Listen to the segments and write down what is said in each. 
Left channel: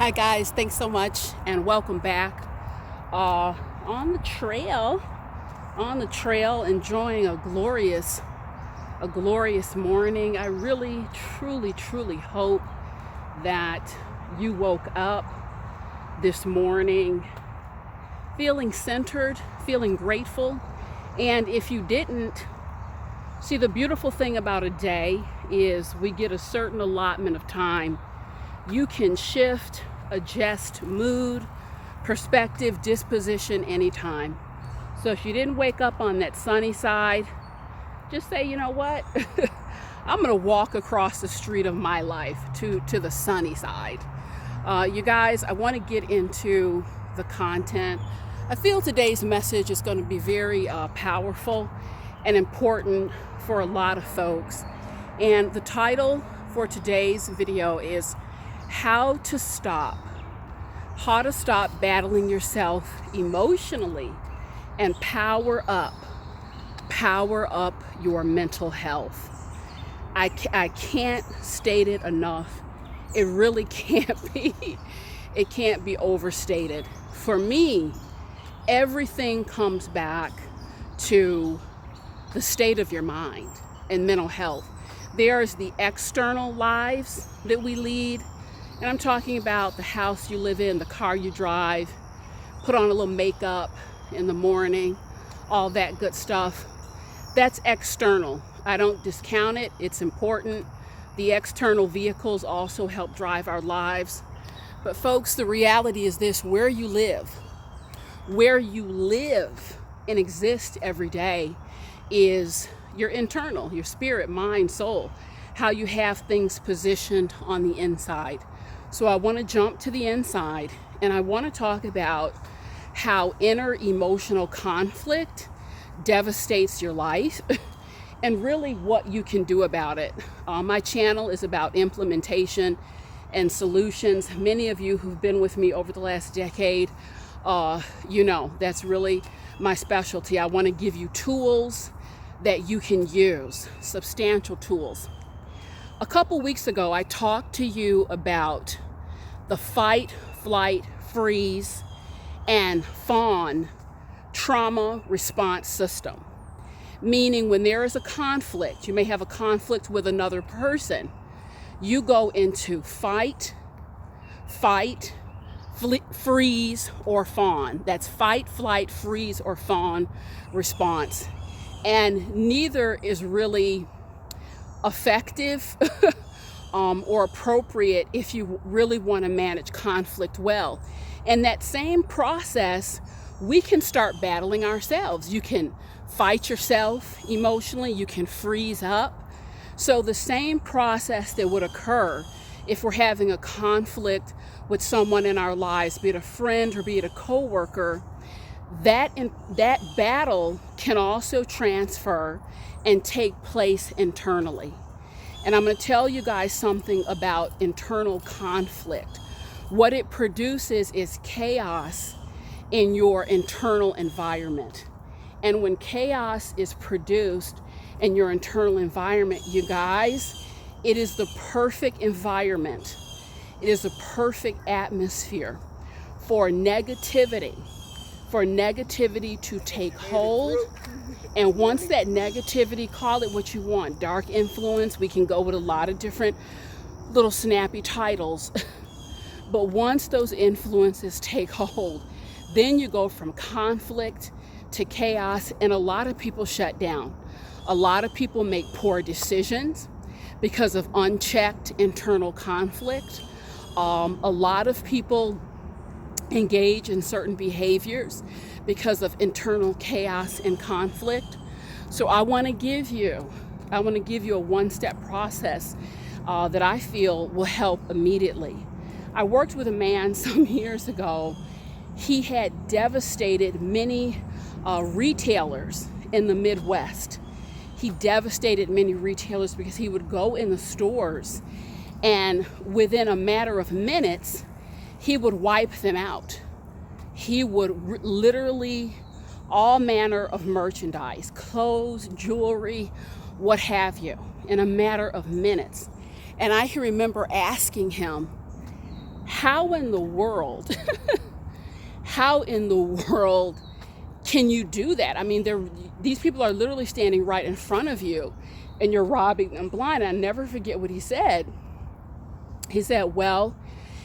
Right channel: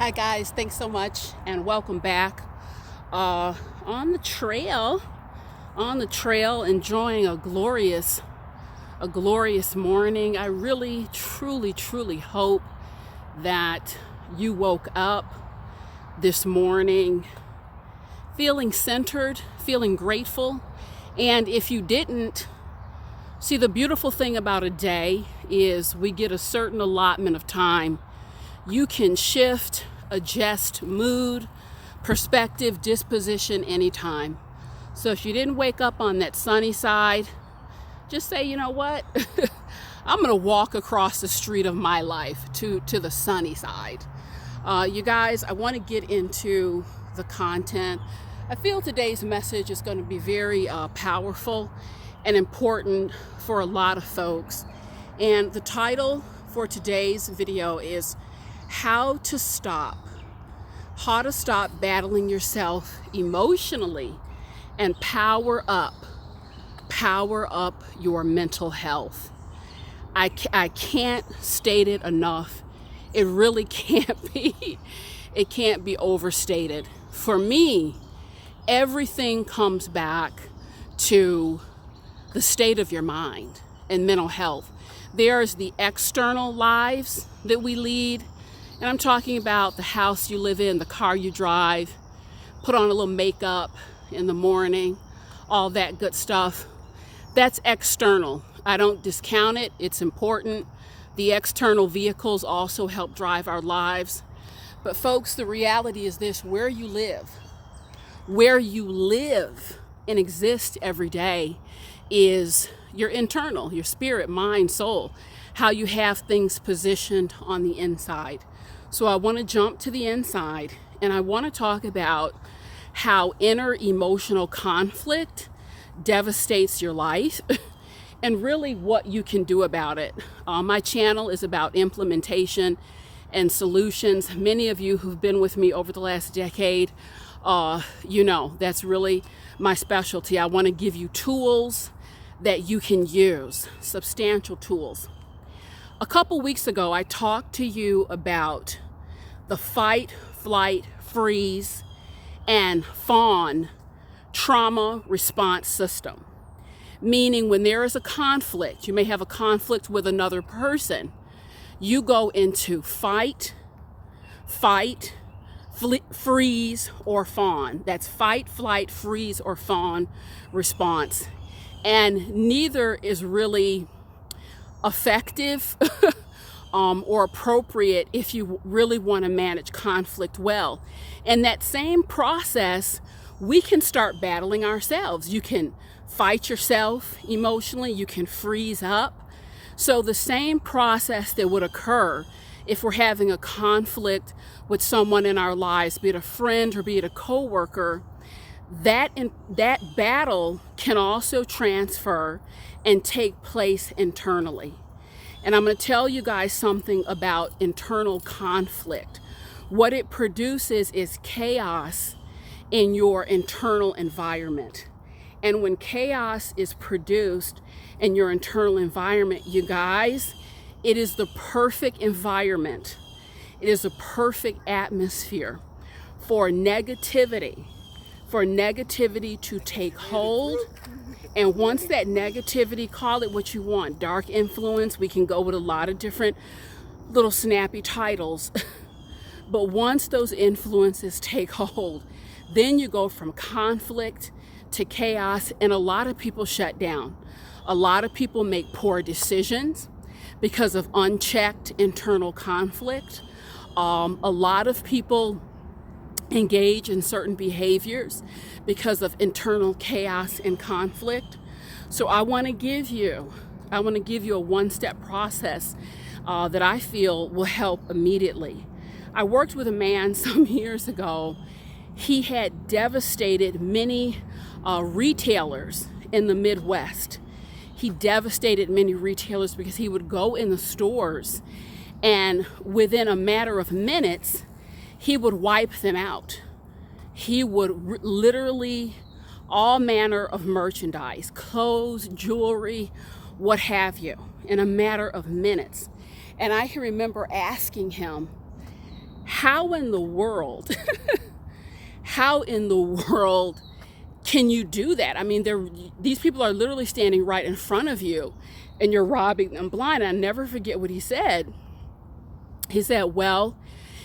Hi guys, thanks so much and welcome back. On the trail, enjoying a glorious morning. I really, truly hope that you woke up this morning feeling centered, feeling grateful. And if you didn't, see, the beautiful thing about a day is we get a certain allotment of time. You can shift, adjust mood, perspective, disposition anytime. So if you didn't wake up on that sunny side, just say, you know what? I'm going to walk across the street of my life to the sunny side. You guys, I want to get into the content. I feel today's message is going to be very powerful and important for a lot of folks. And the title for today's video is how to stop battling yourself emotionally and power up your mental health. I can't state it enough. It really can't be. It can't be overstated. For me, everything comes back to the state of your mind and mental health. There's the external lives that we lead. And I'm talking about the house you live in, the car you drive, put on a little makeup in the morning, all that good stuff. That's external. I don't discount it. It's important. The external vehicles also help drive our lives. But folks, the reality is this: where you live and exist every day is your internal, your spirit, mind, soul, how you have things positioned on the inside. So I want to jump to the inside and I want to talk about how inner emotional conflict devastates your life and really what you can do about it. My channel is about implementation and solutions. Many of you who've been with me over the last decade, you know, that's really my specialty. I want to give you tools that you can use, substantial tools. A couple weeks ago, I talked to you about the fight, flight, freeze, and fawn trauma response system. Meaning when there is a conflict, you may have a conflict with another person, you go into fight, freeze, or fawn. That's fight, flight, freeze, or fawn response. And neither is really effective or appropriate if you really want to manage conflict well. In that same process, we can start battling ourselves. You can fight yourself emotionally, you can freeze up. So the same process that would occur if we're having a conflict with someone in our lives, be it a friend or be it a coworker, that battle can also transfer and take place internally. And I'm going to tell you guys something about internal conflict. What it produces is chaos in your internal environment. And when chaos is produced in your internal environment, you guys, it is the perfect environment. It is a perfect atmosphere for negativity to take hold. And once that negativity, call it what you want, dark influence, we can go with a lot of different little snappy titles. But once those influences take hold, then you go from conflict to chaos, and a lot of people shut down. A lot of people make poor decisions because of unchecked internal conflict. A lot of people engage in certain behaviors because of internal chaos and conflict. So I want to give you a one-step process that I feel will help immediately. I worked with a man some years ago. He had devastated many retailers in the Midwest. He devastated many retailers because he would go in the stores and within a matter of minutes, he would wipe them out. He would literally, all manner of merchandise, clothes, jewelry, what have you, in a matter of minutes. And I can remember asking him, how in the world, how in the world can you do that? I mean, these people are literally standing right in front of you and you're robbing them blind. I'll never forget what he said. He said, well,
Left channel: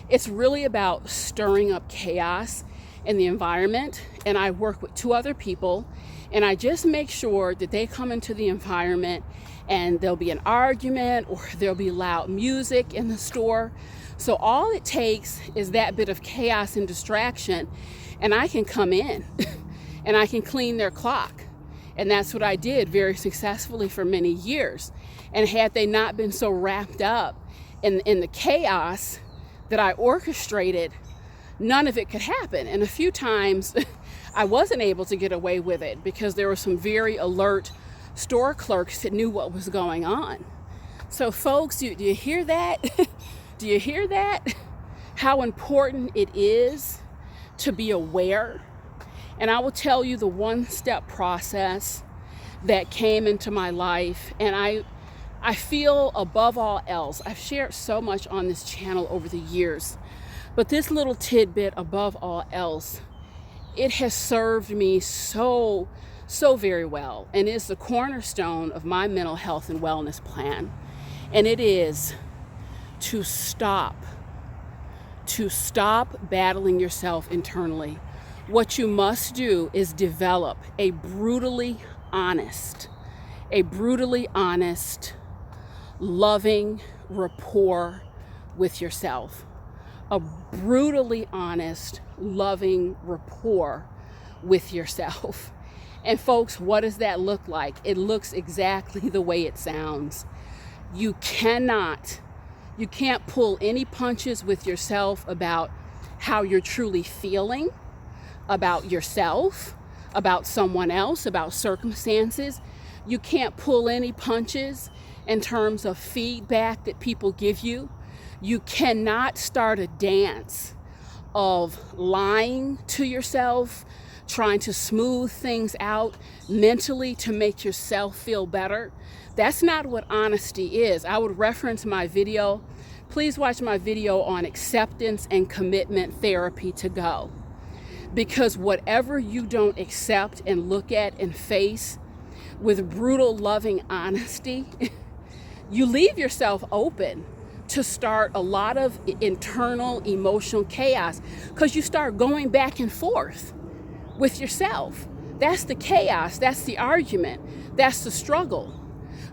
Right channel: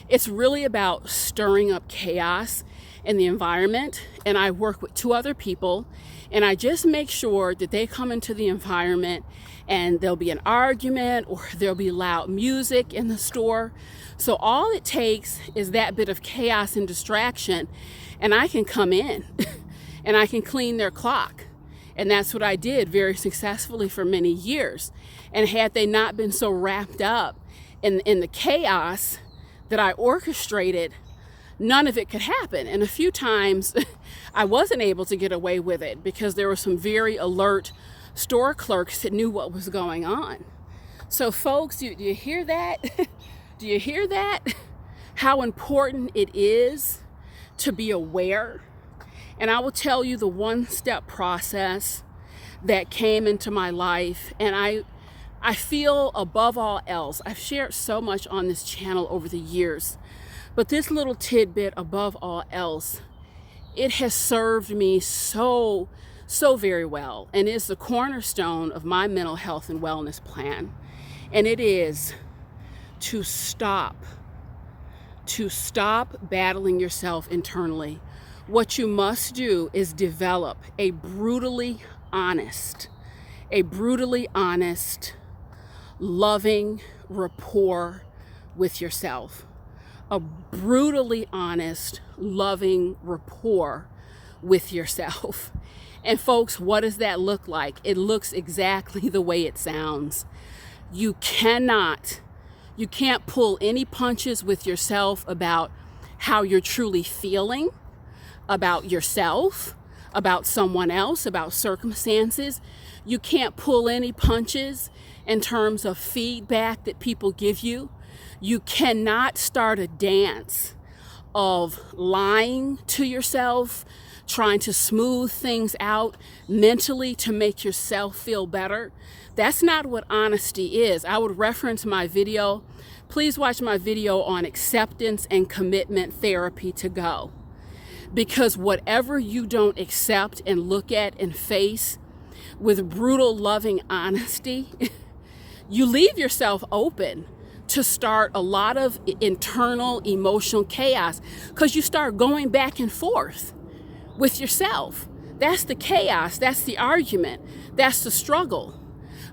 it's really about stirring up chaos in the environment. And I work with 2 other people, and I just make sure that they come into the environment and there'll be an argument or there'll be loud music in the store. So all it takes is that bit of chaos and distraction, and I can come in and I can clean their clock. And that's what I did very successfully for many years. And had they not been so wrapped up in the chaos that I orchestrated, none of it could happen. And a few times I wasn't able to get away with it because there were some very alert store clerks that knew what was going on. So folks, do you hear that? Do you hear that? How important it is to be aware. And I will tell you the 1-step process that came into my life. And I feel above all else, I've shared so much on this channel over the years, but this little tidbit above all else, it has served me so very well, and is the cornerstone of my mental health and wellness plan. And it is to stop battling yourself internally. What you must do is develop a brutally honest, loving rapport with yourself. A brutally honest, loving rapport with yourself. And folks, what does that look like? It looks exactly the way it sounds. You can't pull any punches with yourself about how you're truly feeling, about yourself, about someone else, about circumstances. You can't pull any punches in terms of feedback that people give you. You cannot start a dance of lying to yourself, trying to smooth things out mentally to make yourself feel better. That's not what honesty is. I would reference my video. Please watch my video on acceptance and commitment therapy to go. Because whatever you don't accept and look at and face with brutal, loving honesty, you leave yourself open to start a lot of internal emotional chaos, because you start going back and forth with yourself. That's the chaos, that's the argument, that's the struggle.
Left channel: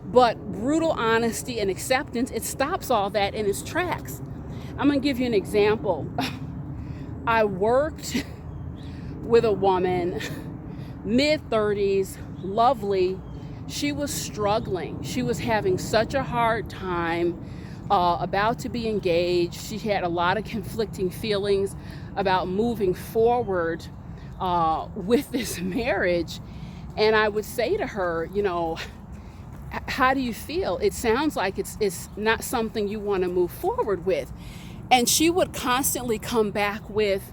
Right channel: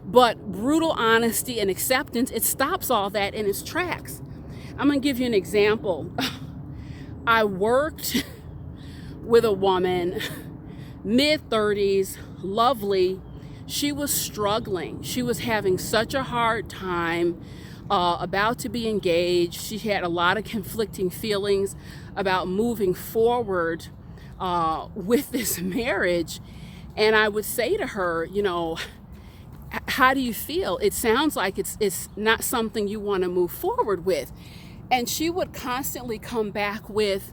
But brutal honesty and acceptance, it stops all that in its tracks. I'm gonna give you an example. I worked with a woman, mid-30s, lovely. She was struggling. She was having such a hard time, about to be engaged. She had a lot of conflicting feelings about moving forward with this marriage. And I would say to her, how do you feel? It sounds like it's not something you want to move forward with. And she would constantly come back with,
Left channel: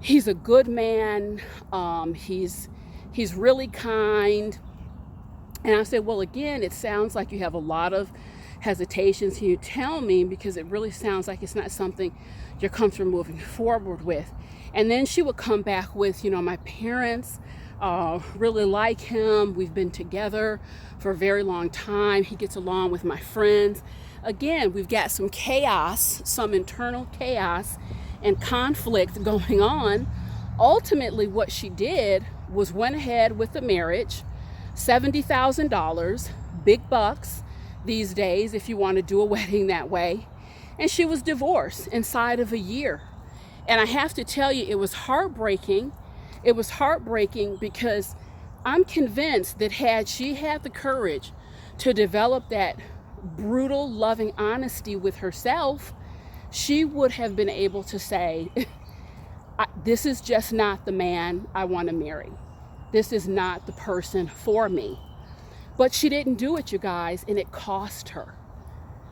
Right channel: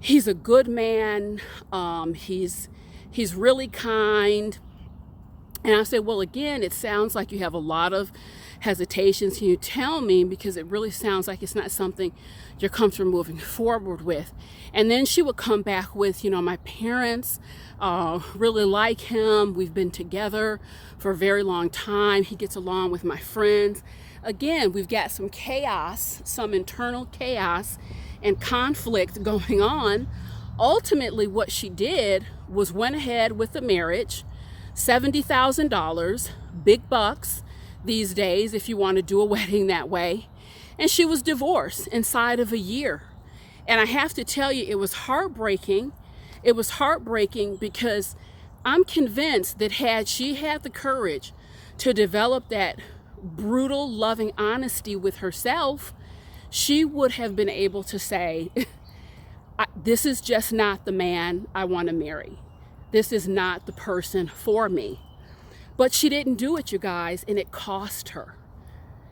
he's a good man, he's really kind. And I said, well, again, it sounds like you have a lot of hesitations. Can you tell me? Because it really sounds like it's not something you're comfortable moving forward with. And then she would come back with, my parents really like him. We've been together for a very long time. He gets along with my friends. Again, we've got some chaos, some internal chaos and conflict going on. Ultimately, what she did was went ahead with the marriage, $70,000, big bucks these days if you want to do a wedding that way. And she was divorced inside of a year. And I have to tell you, it was heartbreaking. It was heartbreaking because I'm convinced that had she had the courage to develop that brutal, loving honesty with herself, she would have been able to say, this is just not the man I want to marry. This is not the person for me. But she didn't do it, you guys, and it cost her.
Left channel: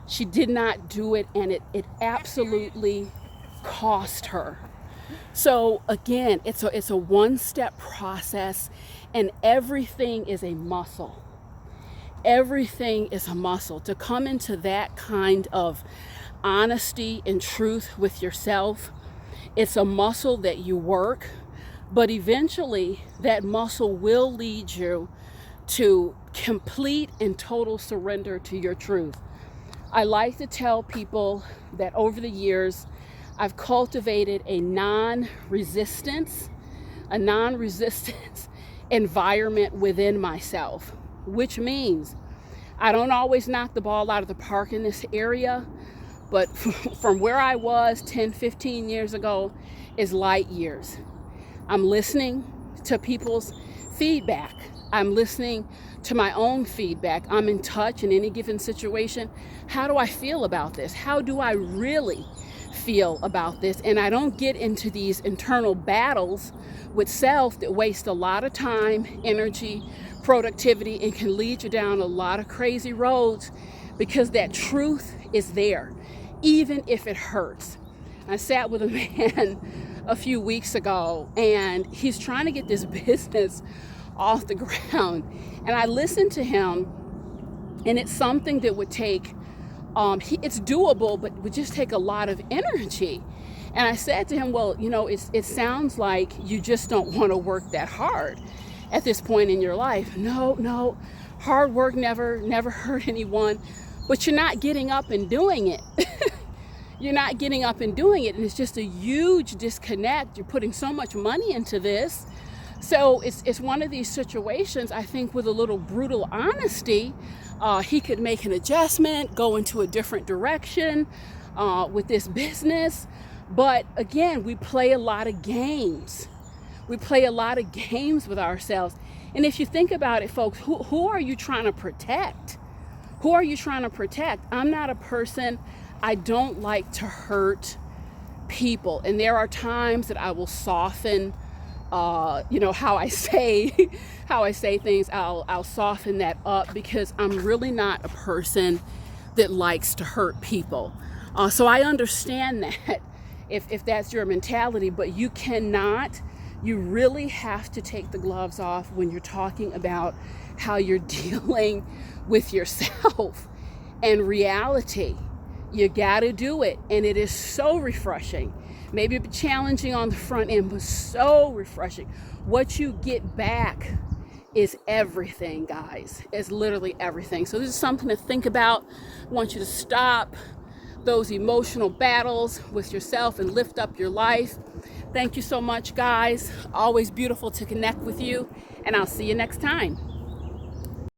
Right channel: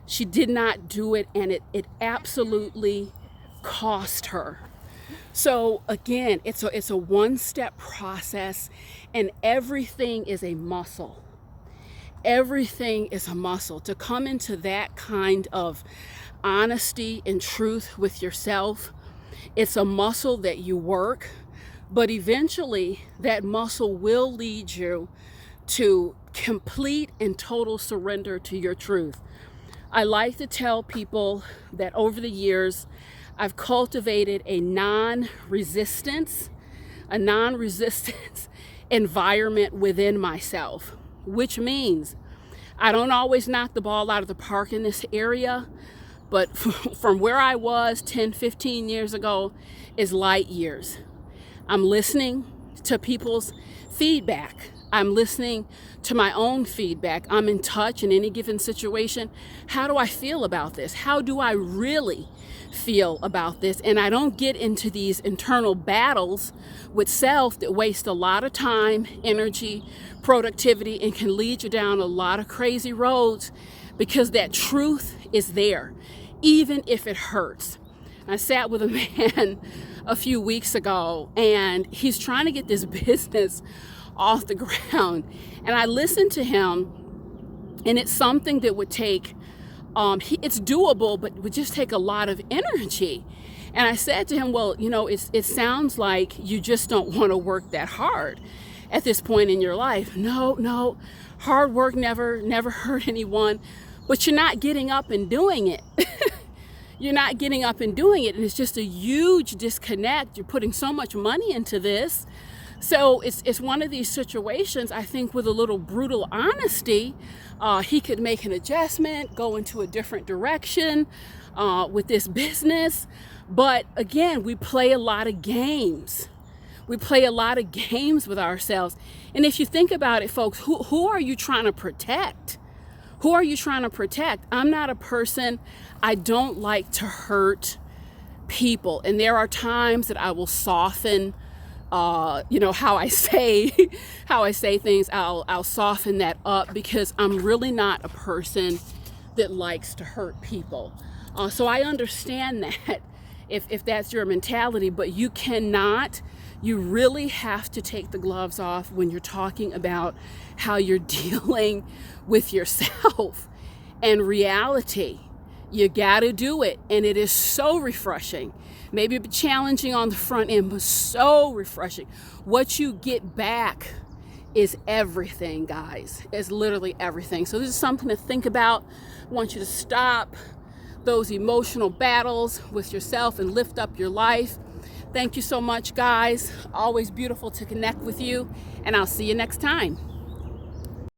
She did not do it, and it absolutely cost her. So again, it's a one-step process, and everything is a muscle. Everything is a muscle. To come into that kind of honesty and truth with yourself. It's a muscle that you work, but eventually that muscle will lead you to complete and total surrender to your truth. I like to tell people that over the years, I've cultivated a non-resistance environment within myself, which means I don't always knock the ball out of the park in this area, but from where I was 10, 15 years ago is light years. I'm listening to people's feedback. I'm listening to my own feedback. I'm in touch in any given situation. How do I feel about this? How do I really feel about this? And I don't get into these internal battles with self that waste a lot of time, energy, productivity, and can lead you down a lot of crazy roads, because that truth is there, even if it hurts. I sat with a man a few weeks ago, and he's trying to get this business off the ground. And I listened to him, and it's something that would take, it's doable, but would just take a lot of energy. And I said to him, well, it sounds like you just don't want to work that hard at this point in your life. No, hard work never hurt anyone, but you're not getting up and doing it. You're not getting up and doing it, and it's just a huge disconnect. You're putting so much money into this. So it's one of these situations, I think, with a little brutal honesty, he could make an adjustment, go into a different direction with this business. But again, we play a lot of games. We play a lot of games with ourselves. And if you think about it, folks, who are you trying to protect? Who are you trying to protect? I'm not a person, I don't like to hurt people. And there are times that I will soften how I say things. I'll soften that up, because I'm really not a person that likes to hurt people. So I understand that if that's your mentality, but you really have to take the gloves off when you're talking about how you're dealing with yourself and reality. You got to do it, and it is so refreshing. Maybe a bit challenging on the front end, but so refreshing. What you get back is everything, guys. It's literally everything. So this is something to think about. I want you to stop those emotional battles with yourself and lift up your life. Thank you so much, guys. Always beautiful to connect with you, and I'll see you next time.